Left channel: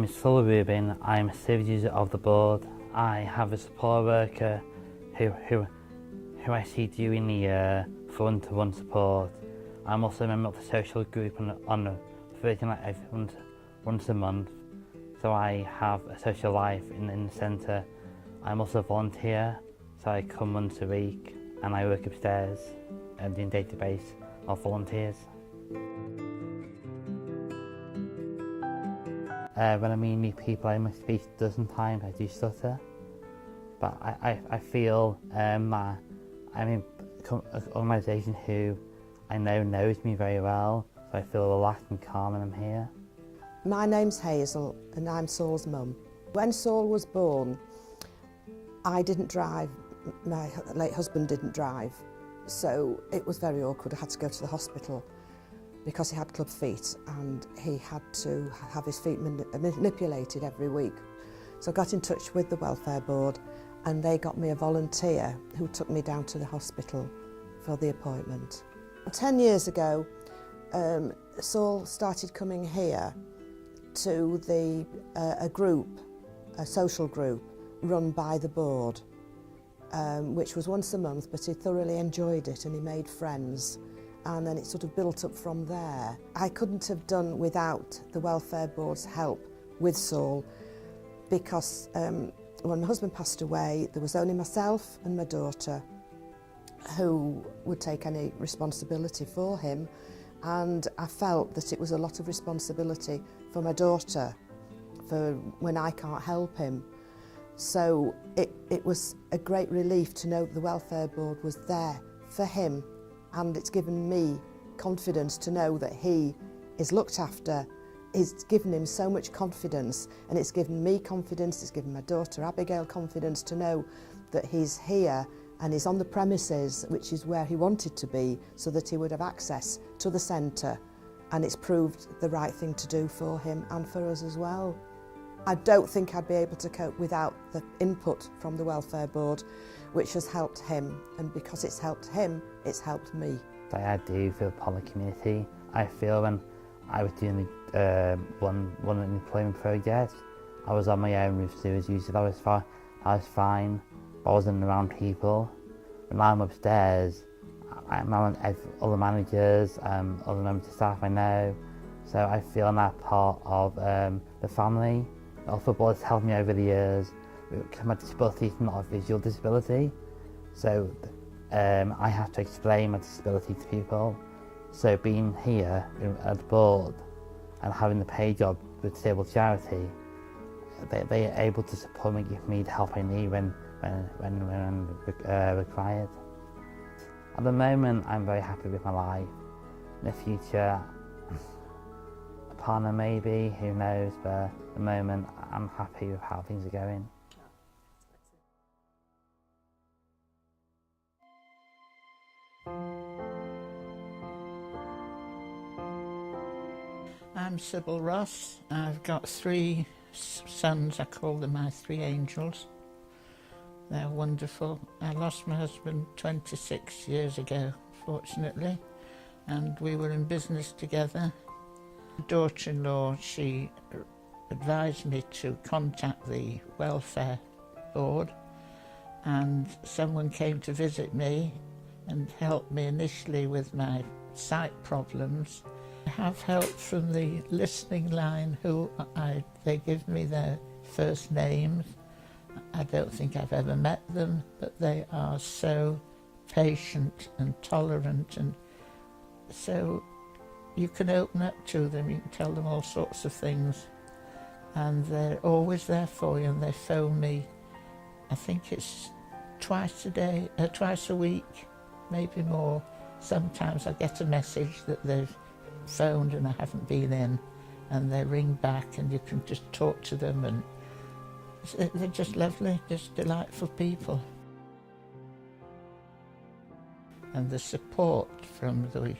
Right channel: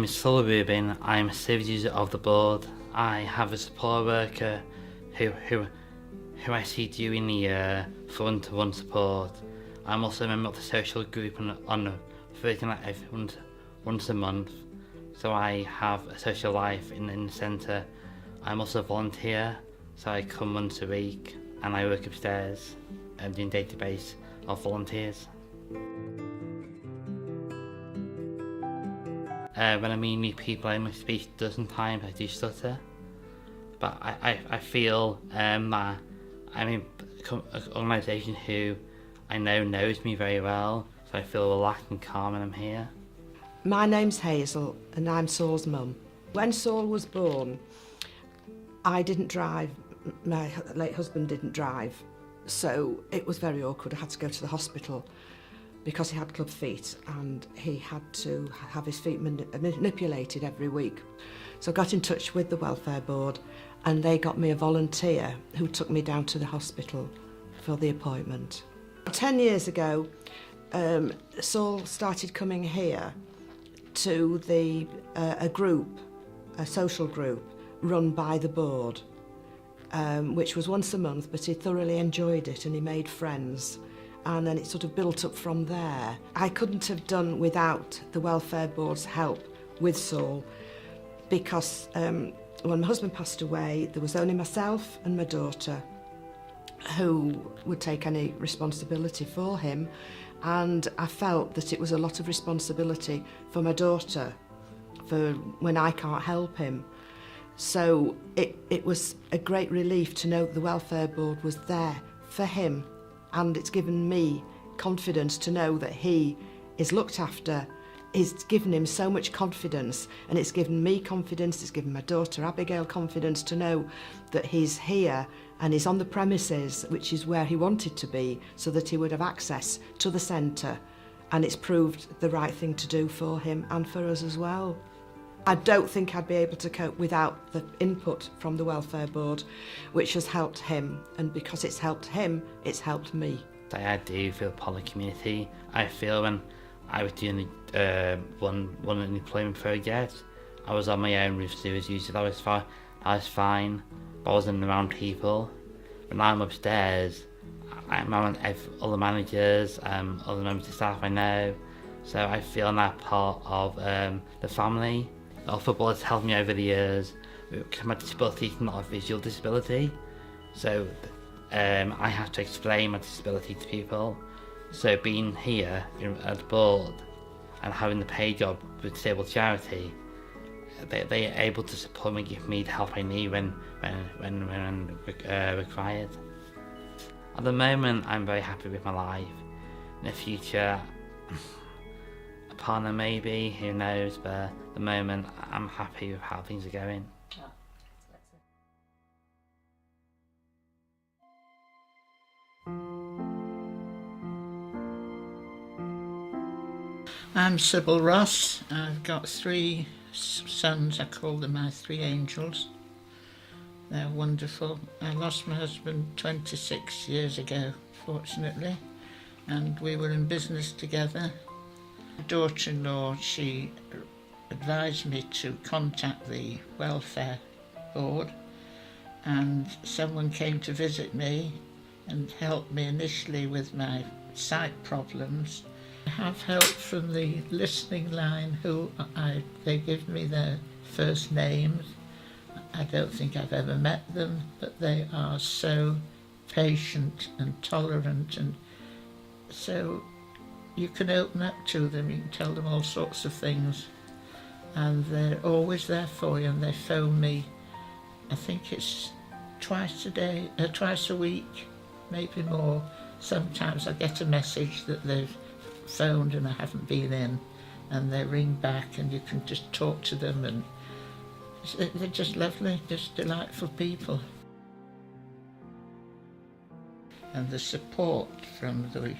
name is Rubin. I'm a service user of the board. I have a support worker who I see during the year for one-to-one support. I'm also a member of the social group on Thursday night once a month, so I have a social life in the centre. I'm also a volunteer, so I come once a week and I work upstairs and doing database of volunteers. When I meet new people, I must speak a dozen times. I do stutter, but I feel that I'm in an organisation who I know knows me very well, so I feel relaxed and calm when I'm here. My name's Hazel and I'm Saul's mum. When Saul was born, I didn't drive. My late husband didn't drive, so it was very awkward. I had to go to the hospital because he had club feet and he had to have his feet manipulated every week. So I got in touch with the welfare board and they got me a volunteer who took me down to the hospital for the appointment. 10 years ago, Saul started coming here to a social group run by the board, which was once a month, but he thoroughly enjoyed it and he made friends. And then it sort of built up from there. I couldn't have done without the welfare board's help with Saul, because when my husband passed away, there was only myself and my daughter who would take any responsibility for him, and I felt that it was a lot of responsibility for my daughter for when I can't help him. So it was a great relief to know the welfare board was there for him, and it's given me confidence to know that he is looked after. It's given him so much confidence, and it's given me confidence, it's given my daughter Abigail confidence to know that he's here and he's on the premises, which is where he wanted to be, so that he would have access to the centre, and it's proved the right thing to do for him and for us as well. I don't think I'd be able to cope without the input from the welfare board, which has helped him, and because it's helped him, it's helped me. I do feel part of the community. I feel when I was doing one employment project, I was on my own with service users. I was fine, but I wasn't around people. When I'm upstairs, I'm around other managers, other members of staff I know, so I feel I'm that part of the family. The welfare board has helped me over the years, because my disability is not a visual disability, so I have to explain my disability to people. So being here at the board and having the pay job with disabled charity, they are able to support me, give me the help I need when required. At the moment, I'm very happy with my life. In the future, a partner maybe, who knows, but at the moment, I'm happy with how things are going. I'm Sybil Ross. I've got 3 sons. I call them my 3 angels. They're wonderful. I lost my husband 26 years ago, fortunately, and we were in business together. My daughter-in-law, she advised me to contact the welfare board, and someone came to visit me and helped me initially with my sight problems. I have help from the listening line they give me their first names. I don't think I've ever met them, but they are so patient and tolerant, and so you can open up to them, you can tell them all sorts of things, and they're always there for you, and they phone me. I think it's twice a week, maybe more. Sometimes I get a message that they've phoned and I haven't been in, and they ring back and you can just talk to them, and they're just lovely, just delightful people. And the support from the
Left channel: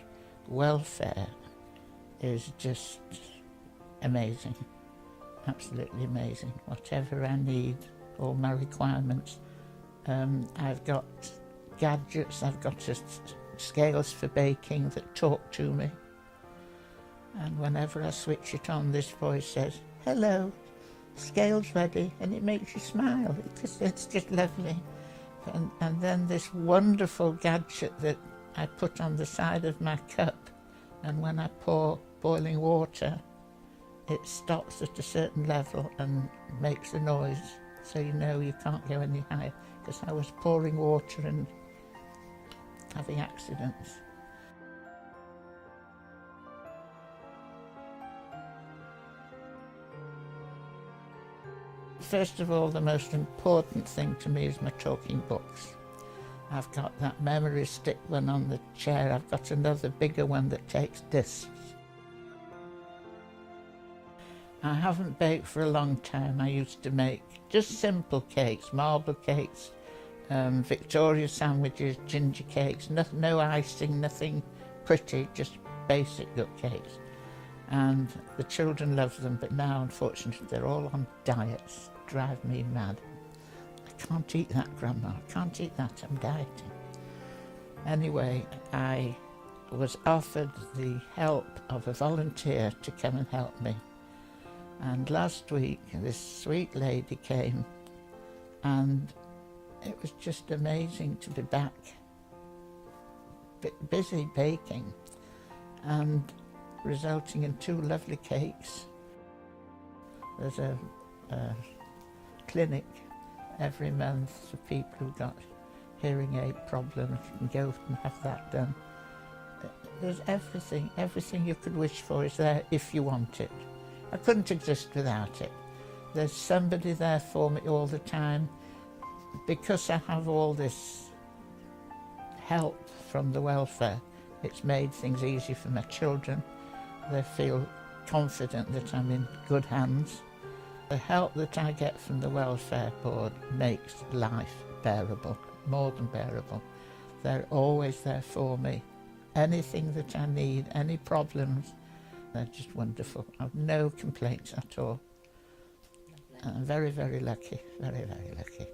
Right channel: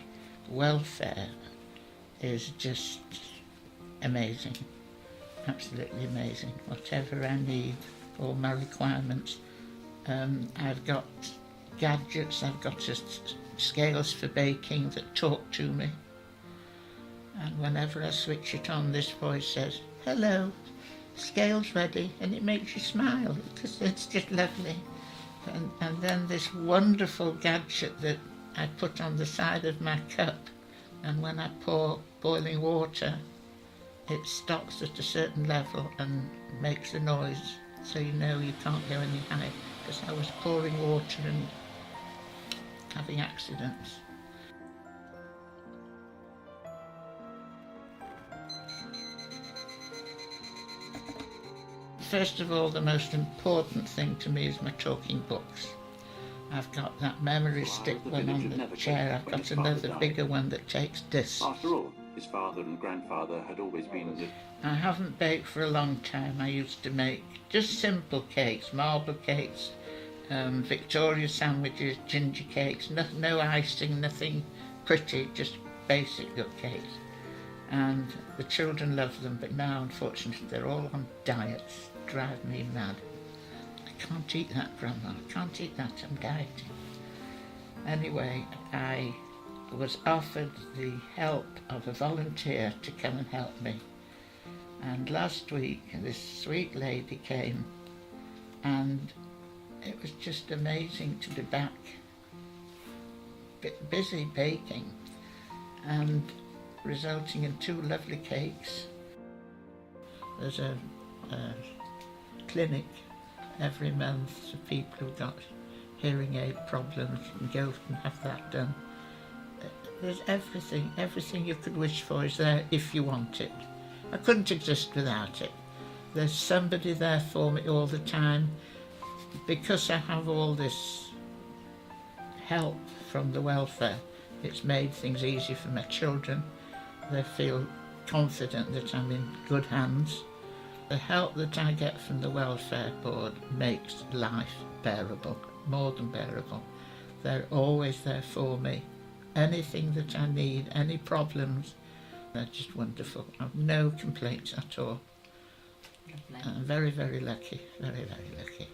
welfare is just amazing, absolutely amazing. Whatever I need, all my requirements. I've got gadgets, I've got scales for baking that talk to me. And whenever I switch it on, this voice says, "Hello, scale's ready, and it makes you smile. It's just lovely. And then this wonderful gadget that I put on the side of my cup, and when I pour boiling water, it stops at a certain level and makes a noise, so you know you can't go any higher, because I was pouring water and having accidents. First of all, the most important thing to me is my talking books. I've got that memory stick one on the chair. I've got another bigger one that takes discs. After all, his father and grandfather had always been I haven't baked for a long time. I used to make just simple cakes, marble cakes, Victoria sandwiches, ginger cakes, no icing, nothing pretty, just basic good cakes. And the children love them, but now unfortunately they're all on diets. Drive me mad. I can't eat that, Grandma, I can't eat that, I'm dieting. Anyway, I was offered the help of a volunteer to come and help me. And last week this sweet lady came, and it was just amazing to be back, busy baking, and resulting in 2 lovely cakes. There's a clinic every month for people who've got hearing aid problems. You can go and have that done. There's everything you could wish for is there if you want it. I couldn't exist without it. There's somebody there for me all the time. Because I have all this help from the welfare, it's made things easy for my children. They feel confident that I'm in good hands. The help that I get from the Welfare Board makes life bearable, more than bearable. They're always there for me. Anything that I need, any problems, they're just wonderful. I've no complaints at all. I'm very, very lucky, very, very lucky.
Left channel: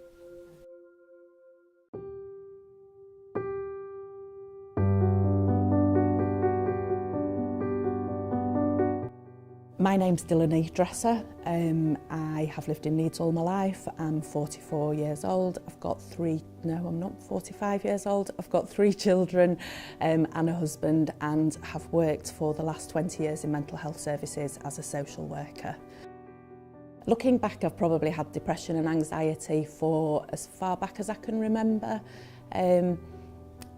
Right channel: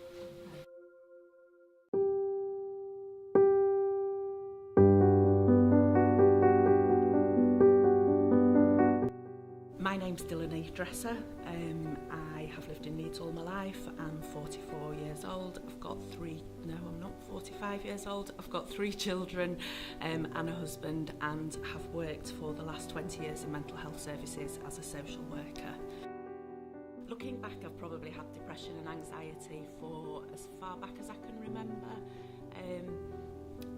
My name's Delaney Dresser. I have lived in Leeds all my life. I'm 44 years old. I've got I'm not 45 years old. I've got 3 children and a husband, and have worked for the last 20 years in mental health services as a social worker. Looking back, I've probably had depression and anxiety for as far back as I can remember.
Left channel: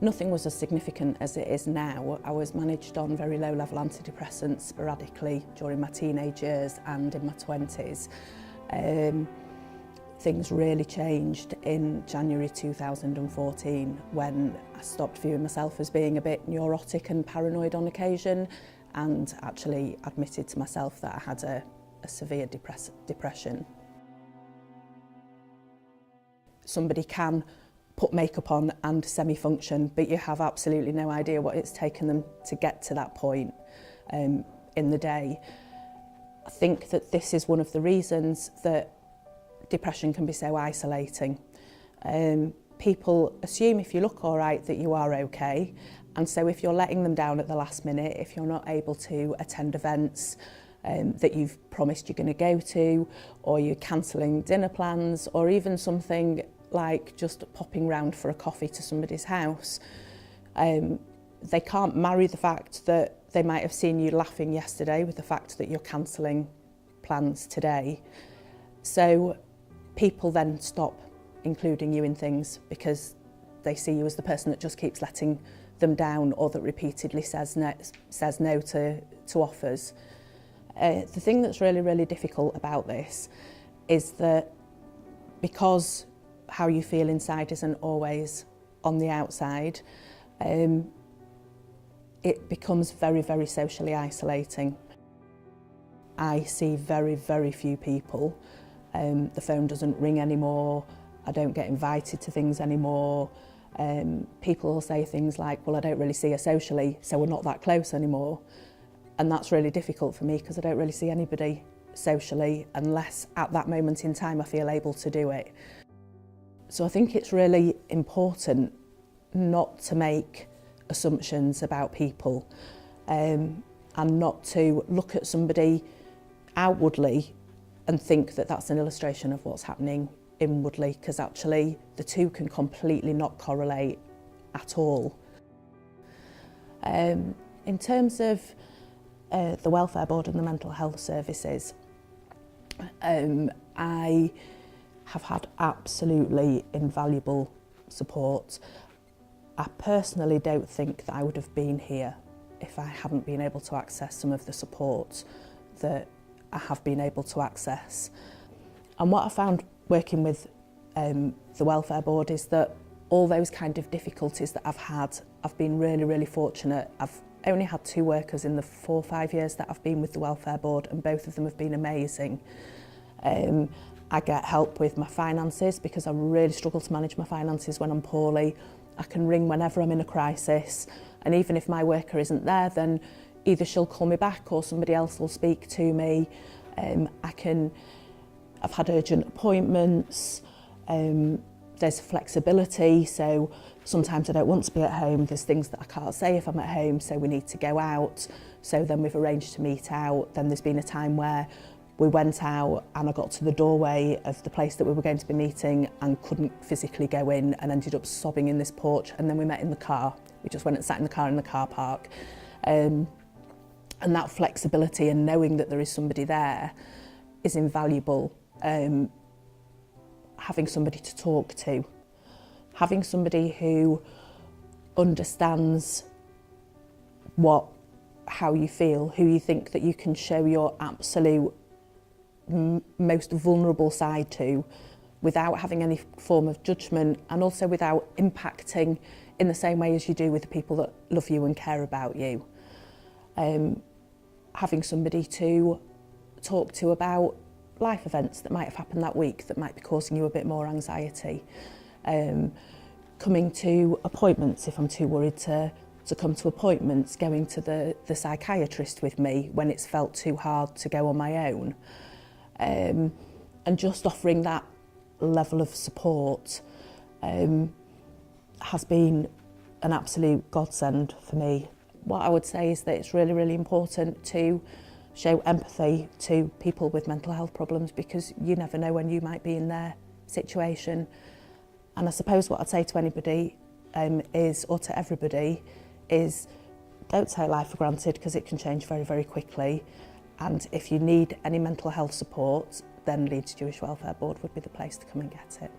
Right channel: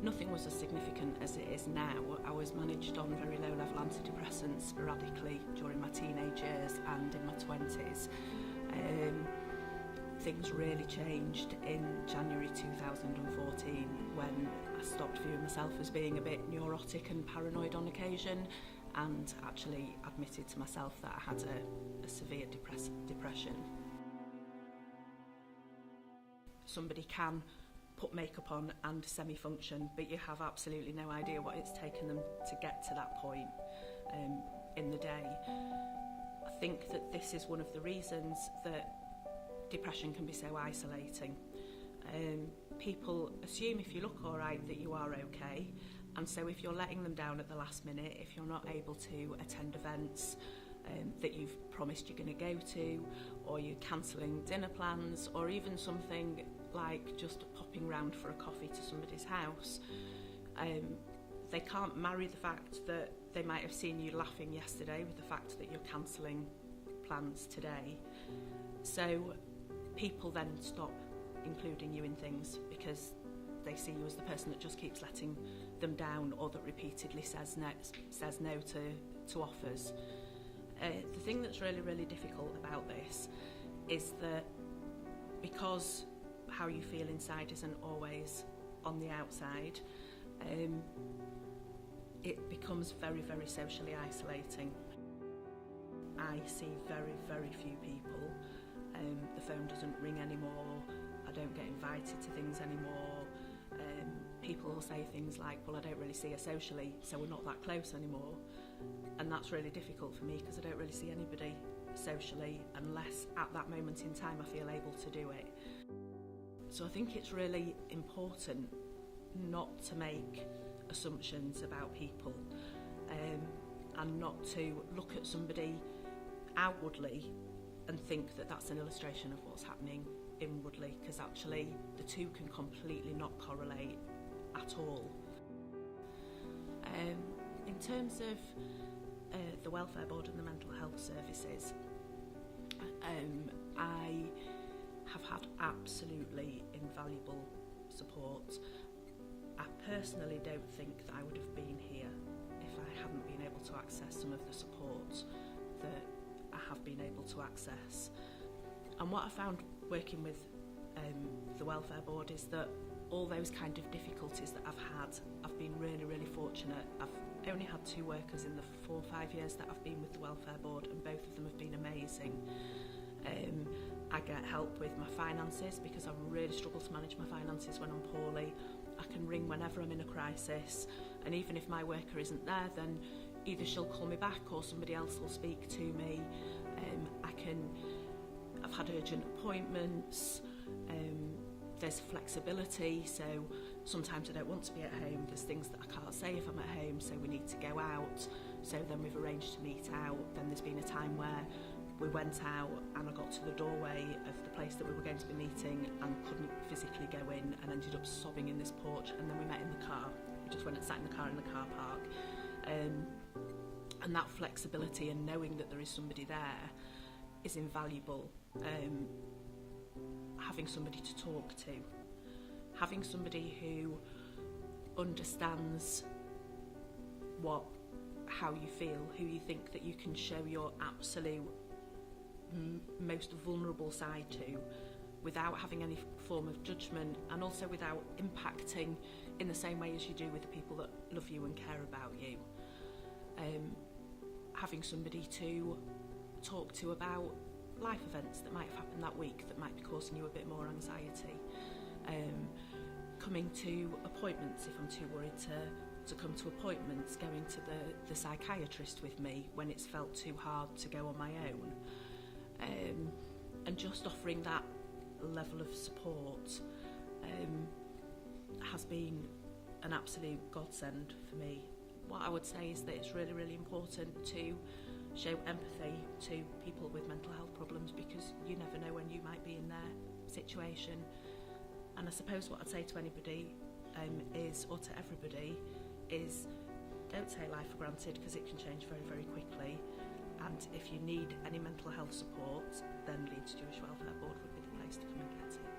Nothing was as significant as it is now. I was managed on very low-level antidepressants sporadically during my teenage years and in my 20s. Things really changed in January 2014 when I stopped viewing myself as being a bit neurotic and paranoid on occasion, and actually admitted to myself that I had a severe depression. Somebody can put makeup on and semi-function, but you have absolutely no idea what it's taken them to get to that point in the day. I think that this is one of the reasons that depression can be so isolating. People assume if you look all right that you are okay, and so if you're letting them down at the last minute, if you're not able to attend events that you've promised you're going to go to, or you're cancelling dinner plans, or even something like just popping round for a coffee to somebody's house, they can't marry the fact that they might have seen you laughing yesterday with the fact that you're cancelling plans today. So people then stop including you in things because they see you as the person that just keeps letting them down, or that repeatedly says no to offers. The thing that's really, really difficult about this is that because how you feel inside isn't always on the outside, it becomes very, very socially isolating. I see very, very few people. The phone doesn't ring anymore. I don't get invited to things anymore. People will say things like, well, I don't really see her socially, so we're not that close anymore. And that's really difficult for me because I don't really see anybody socially unless at that moment in time I feel able to do it. So I think it's really important not to make assumptions about people, and not to look at somebody outwardly and think that that's an illustration of what's happening inwardly, because actually the two can completely not correlate at all. In terms of the Welfare Board and the mental health services, I have had absolutely invaluable support. I personally don't think that I would have been here if I hadn't been able to access some of the support that I have been able to access. And what I found working with the Welfare Board is that all those kind of difficulties that I've had, I've been really, really fortunate. I've only had 2 workers in the 4 or 5 years that I've been with the Welfare Board, and both of them have been amazing. I get help with my finances because I really struggle to manage my finances when I'm poorly. I can ring whenever I'm in a crisis, and even if my worker isn't there, then either she'll call me back or somebody else will speak to me. I've had urgent appointments. There's flexibility, so sometimes I don't want to be at home. There's things that I can't say if I'm at home, so we need to go out. So then we've arranged to meet out. Then there's been a time where we went out and I got to the doorway of the place that we were going to be meeting and couldn't physically go in, and ended up sobbing in this porch, and then we met in the car. We just went and sat in the car in the car park. And that flexibility and knowing that there is somebody there is invaluable. Having somebody to talk to, having somebody who understands how you feel, who you think that you can show your absolute most vulnerable side to without having any form of judgment, and also without impacting in the same way as you do with the people that love you and care about you. Having somebody to talk to about life events that might have happened that week that might be causing you a bit more anxiety. Coming to appointments if I'm too worried to come to appointments, going to the psychiatrist with me when it's felt too hard to go on my own. And just offering that level of support has been an absolute godsend for me. What I would say is that it's really, really important to show empathy to people with mental health problems, because you never know when you might be in their situation. And I suppose what I'd say to anybody or to everybody is, don't take life for granted, because it can change very, very quickly. And if you need any mental health support, then Leeds Jewish Welfare Board would be the place to come and get it.